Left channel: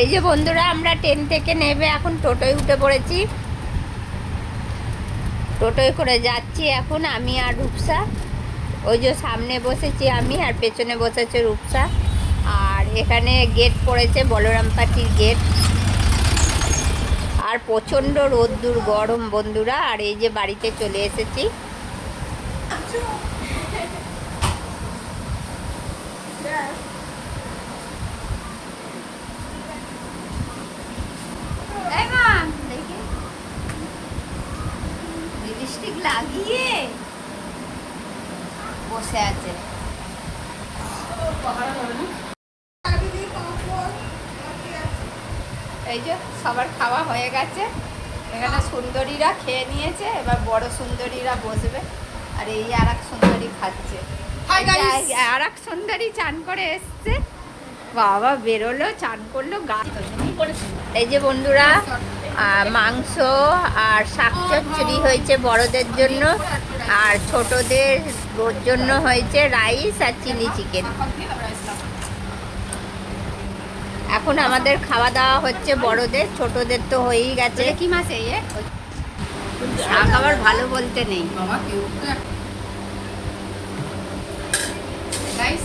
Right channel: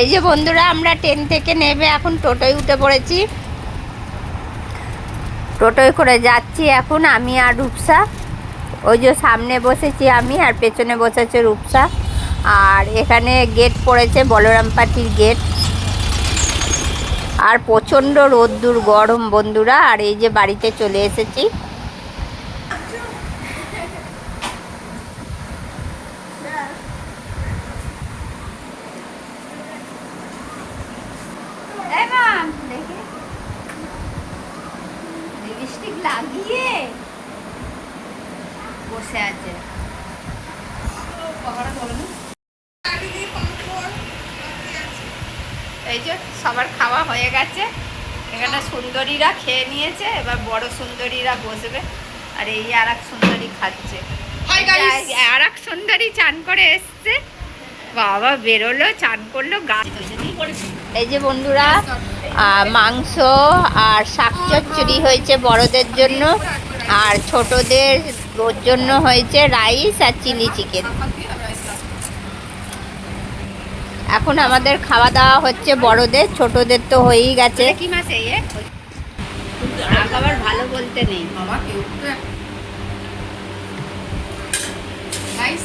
এই যে বন্ধুরা, আমরা ট্রেন থেকে নেমে এখন টোটোয় উঠে পড়েছি। টোটোয় করে যাচ্ছি এখন আমি আর রূপসা। ওই যে সামনে বসেছি আমি, আর পেছনে বসেছে রূপসা। আর এখানে গেট পড়েছে, বলরামপাটির গেট। আর প্রচণ্ড রোদ্দুর গরম বন্ধুরা। আর এই যে বাড়িতে চলে এসেছি। লিপস্টিক লাগিয়ে বসে আছে। এই যে সবার খাওয়া হয়ে গেছে। এখানে সুন্দরীরা খেয়ে নিয়েছে, এবার বড় সুন্দরীরা বসবে। আর এই আর এক সুন্দরী খাচ্ছে। আর এক সুন্দরী চান করে এসছে, বাবা বেরোলো, চান করলো, গাছ। এই যে বন্ধুরা, মাংস আর শাক চচ্চড়ি হয়েছে বড়দের জন্য, আর ছোটদের জন্য হয়েছে রাইস আর চিলি চিকেন। এখন আমাদের খাওয়া দাওয়া হচ্ছে বড়দের, ছোটদের তো হয়েই গেছে। কি মাছ শাক আবার ভালো বলতে নেই। গাইস